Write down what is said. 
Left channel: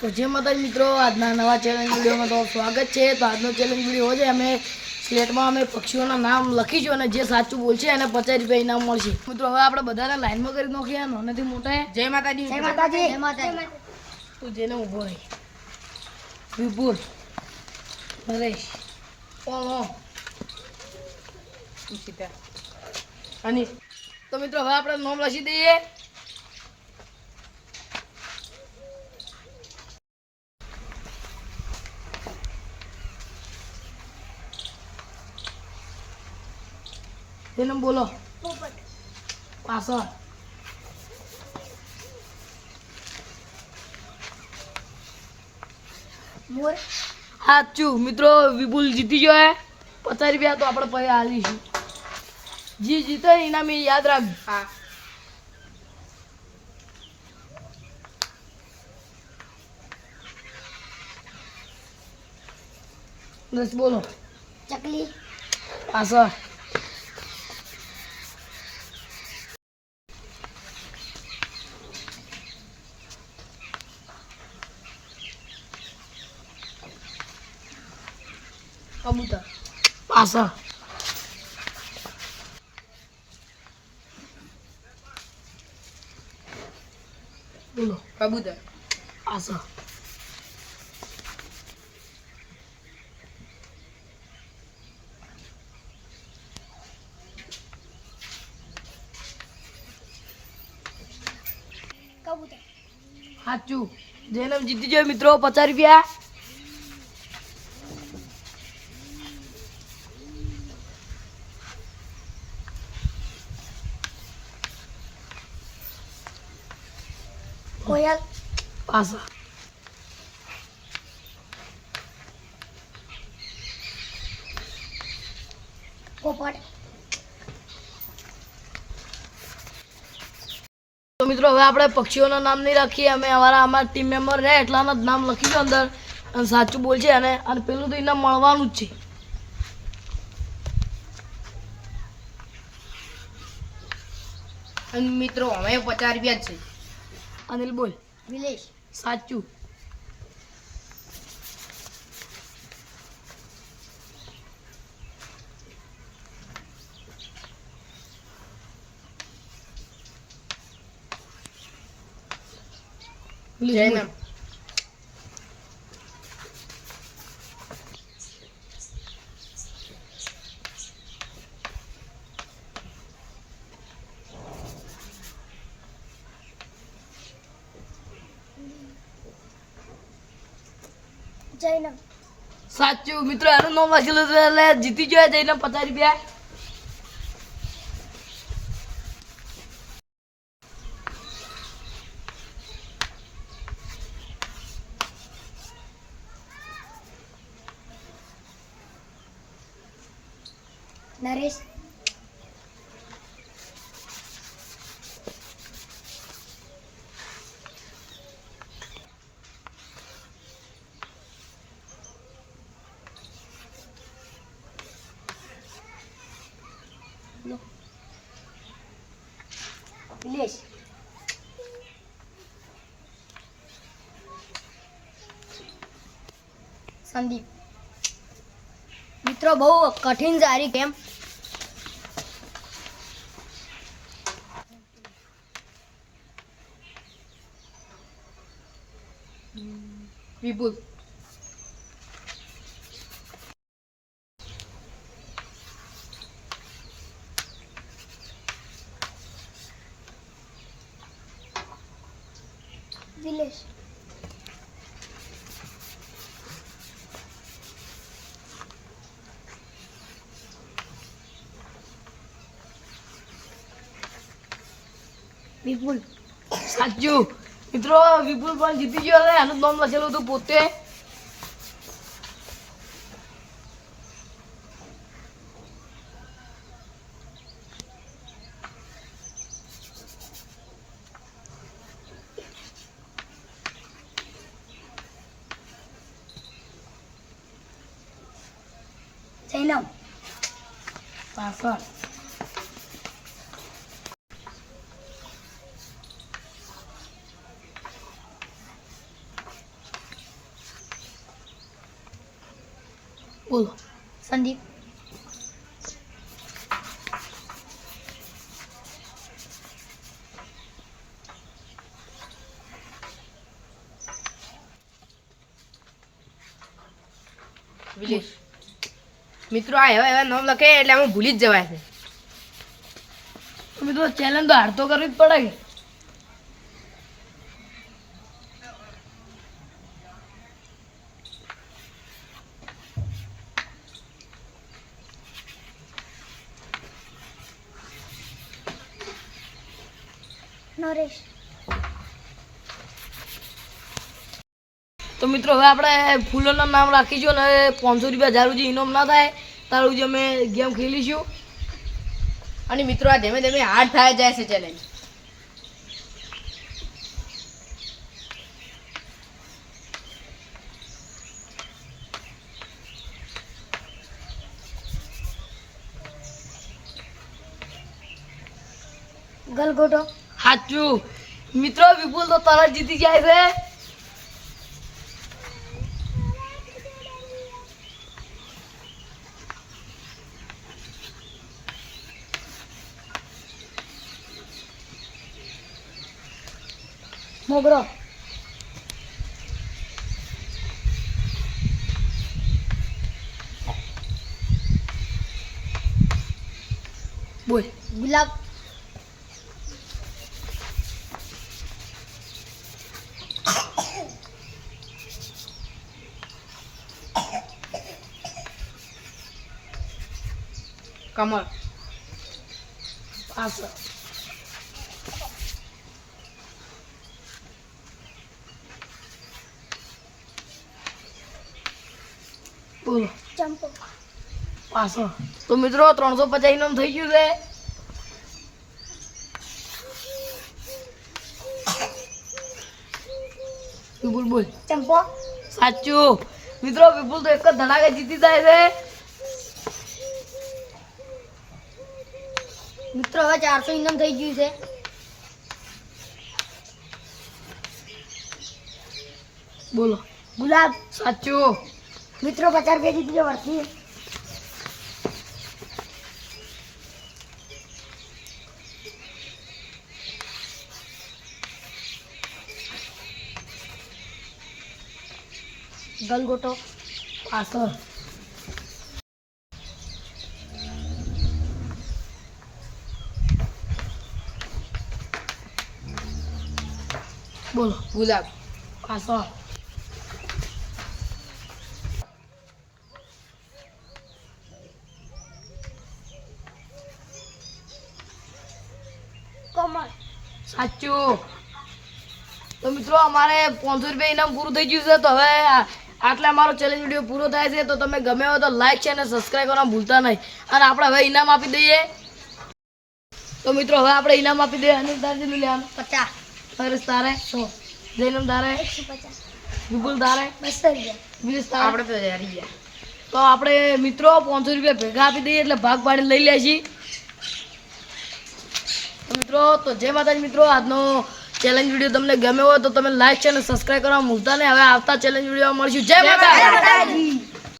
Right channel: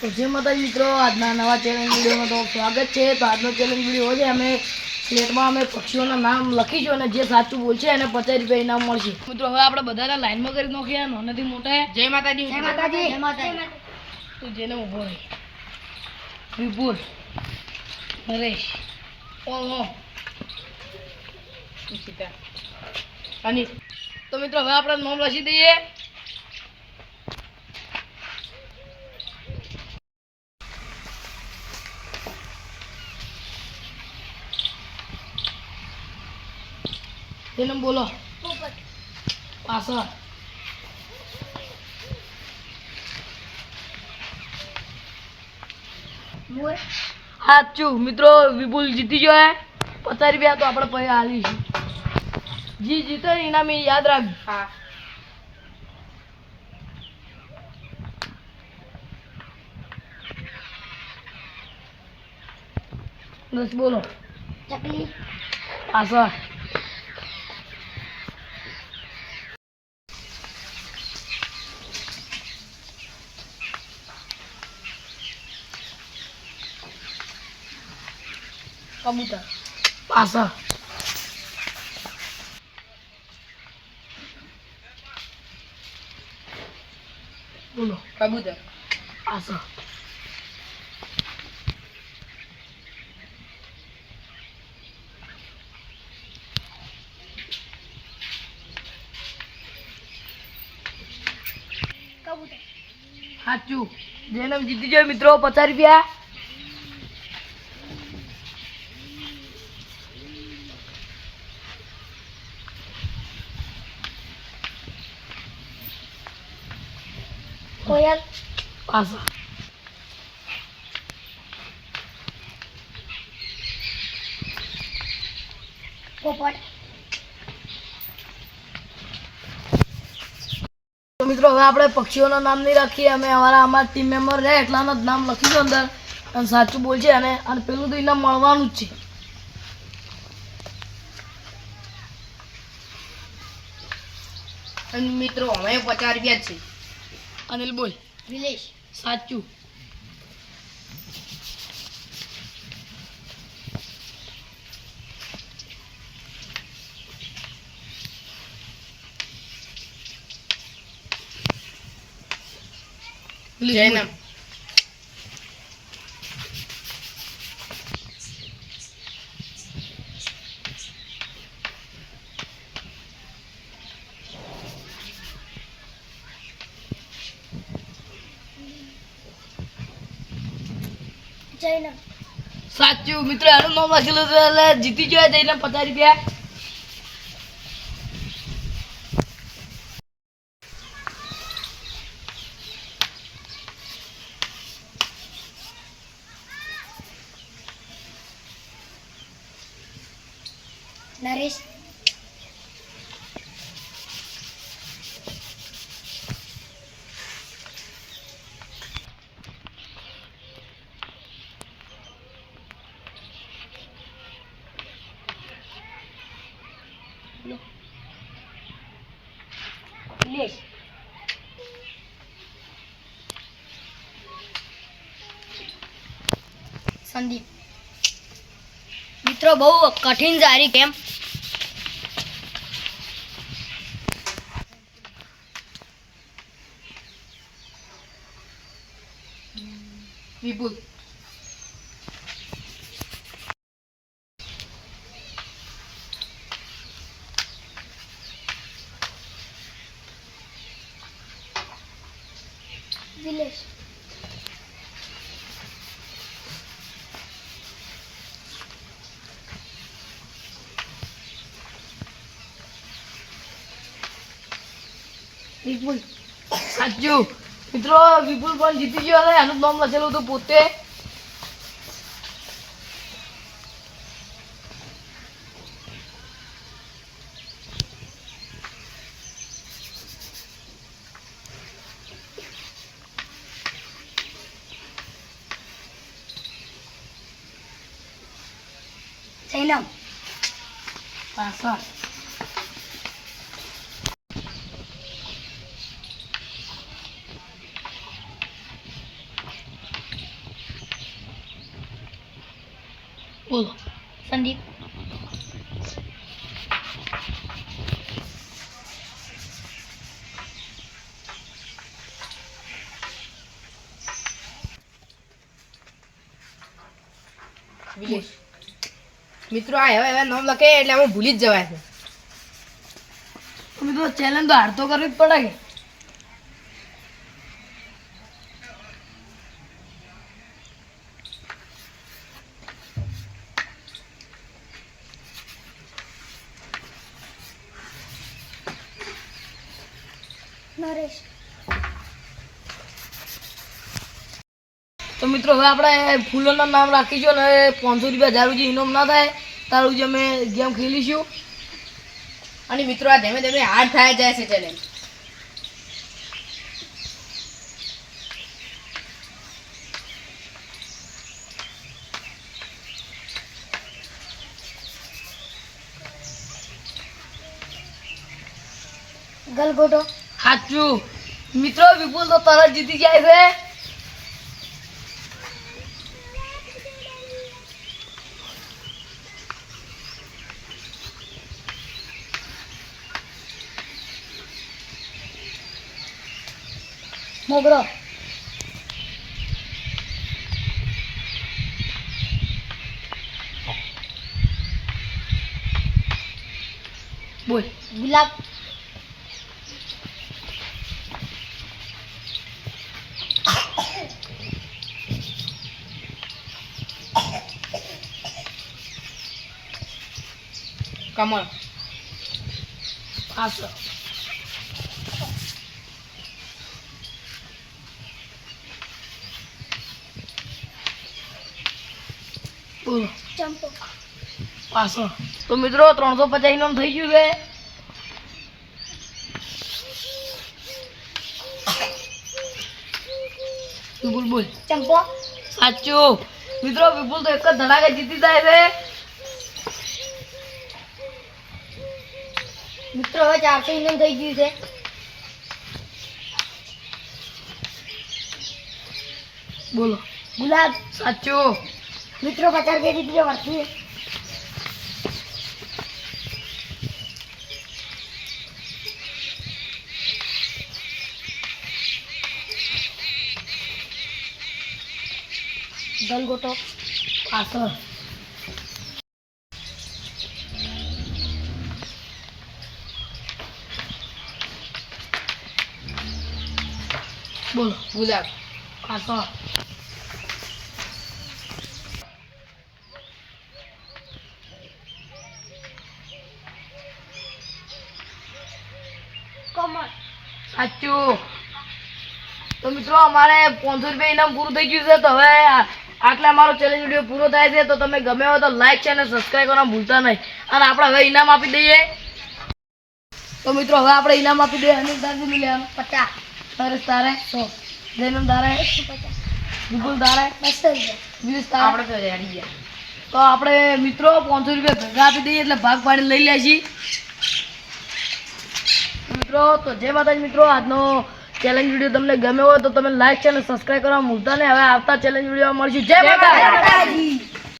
તો જે માતાજી મિત્રો આજના નવા ચેલેન્જ વિડીયોમાં તો સ્વાગત છે। તો આજનો ચેલેન્જ વિડીયો છે અમે સ્લેટમાં અમે પક્ષીઓના નામ લખીશું અને જે સાચું બોલશે એને 50 રૂપિયા ઇનામ મળશે। મિત્રો હવે આપણે બધાને લાઈનમાં કરી નાખીએ નાનાથી મોટા। જય માતાજી। જય માતાજી। જય માતાજી। તું જેને ઊભો રહે વિપુલ નરેશ ઓમ ઈશિતા અને તો મિત્રો હવે આપણે નામ લખી દઈએ। તેનું બોલો પાછળ સાચું। મિત્રો વિપુલ જીતી ગયો 50 રૂપિયા તો આપણે પછી આલીશું। જી જીતે ઇનામ યાદ રાખ। હા બસ બોલો ચકલી પાછળ કબૂતર પાછળ બોલો કબૂતર પાછળ કબૂતર સાચું। જેને જીતી જાય મિત્રો 50 રૂપિયા। કોયલ પાછળ પોપટ। તો મિત્રો હવે આપણે પક્ષીઓના નામ નહીં રાખીએ અમે અમારા ટીમ મેમ્બર રહે એટલાના જ નામ લખીશું અંદર અને સાચું બોલશે અને પેલું તો ઇનામ મળવાનું જ છે। અને મિત્રો અમે 50 રૂપિયા જ છે। અનિલ બોલ વિલેશ સાચું। જયનામ જયનામ સાચું। મિત્રો એનું નામ લખેલું એટલે જીતી ગયો જયનામ 50 રૂપિયા। નરેશ વિલેશ સંદીપ। મિત્રો બહુ કઠિન સારી કેમ વિપુલ વિલેશ વિપુલ સાચું। મિત્રો વિપુલ પણ જીતી ગયો છે એનું નામ લખેલું હતું પોતે। જયનામ પાછળ બોલો. સંદીપ. વિલેશ. મિત્રો આ એવા નામ લખે એટલે અમે ભૂલી જ જવાય છે. તો મિત્રો ચેલેન્જ તો હાર તો કરવી જ પડે કે. નરેશ. તો મિત્રો હવે આપણે ફૂલોના નામ રાખીશું અને 500 રૂપિયા 1000 રૂપિયા ઇનામ ના થાય તારું જે અમે ગેમ ખેલીશું. અને મિત્રો આ ધીમે ધીમે હાર્ડ થાય જાય છે ચેલેન્જ. ગલગોટો. સાચું. મિત્રો વિપુલ તો તરત જીતી જાય છે. મોગરો. બોલ. ગુલાબ. કમળ. પાછળ. બોલો. ચંપો. પાછળ. તો મિત્રો 350 ઇનામ થઈ ગયું છે. વિપુલ બોલ. ચંપો. સાચું. મિત્રો વિપુલ તો એક જ ધડાકે જીતી જાય છે. મિત્રો હવે 400 ઇનામ થઈ ગયું છે. બોલો. ગુલાબ. સાચું. મિત્રો 50 રૂપિયા જીતી જાય વર્ષી. ગલગોટો. પાછળ. બોલો. ગુલાબ. પાછળ. કમળ. સાચું. તો મિત્રો અમારે 500 રૂપિયા ઇનામ પૂરું થઈ ગયું છે. તો હવે આટલા અમારો ચેલેન્જ વિડીયો પૂરો થાય છે. તો તમે ગમે હોય તો લાઈક છે અને સબસ્ક્રાઈબ કરવાનું ભૂલતા નહીં. અને આપણે હવે ઇનામ આપી દઈએ. તો મિત્રો હવે આપણે ઇનામ આપી દઈએ. અનિલ તારજી લેવાનું 50. તારે તારે 100. જૈનમ તારે 150. વિપુલ તારે 200 રૂપિયા. વીસ તારે. આપણે તો રેડી ગયા. તો આપણે મિત્રો 500 રૂપિયા ભેગા આપી દઈએ એટલે ભાગ પાડી લઈ લે છીએ. તો મિત્રો તો જય માતાજી. મિત્રો આજનો ચેલેન્જ વિડીયો તમને ગમ્યો હોય તો તમે લાઈક છે અને સબસ્ક્રાઈબ કરવા ભૂલતા નહીં. હવે આવતા ચેલેન્જ વિડીયોમાં મળશું. જય માતાજી.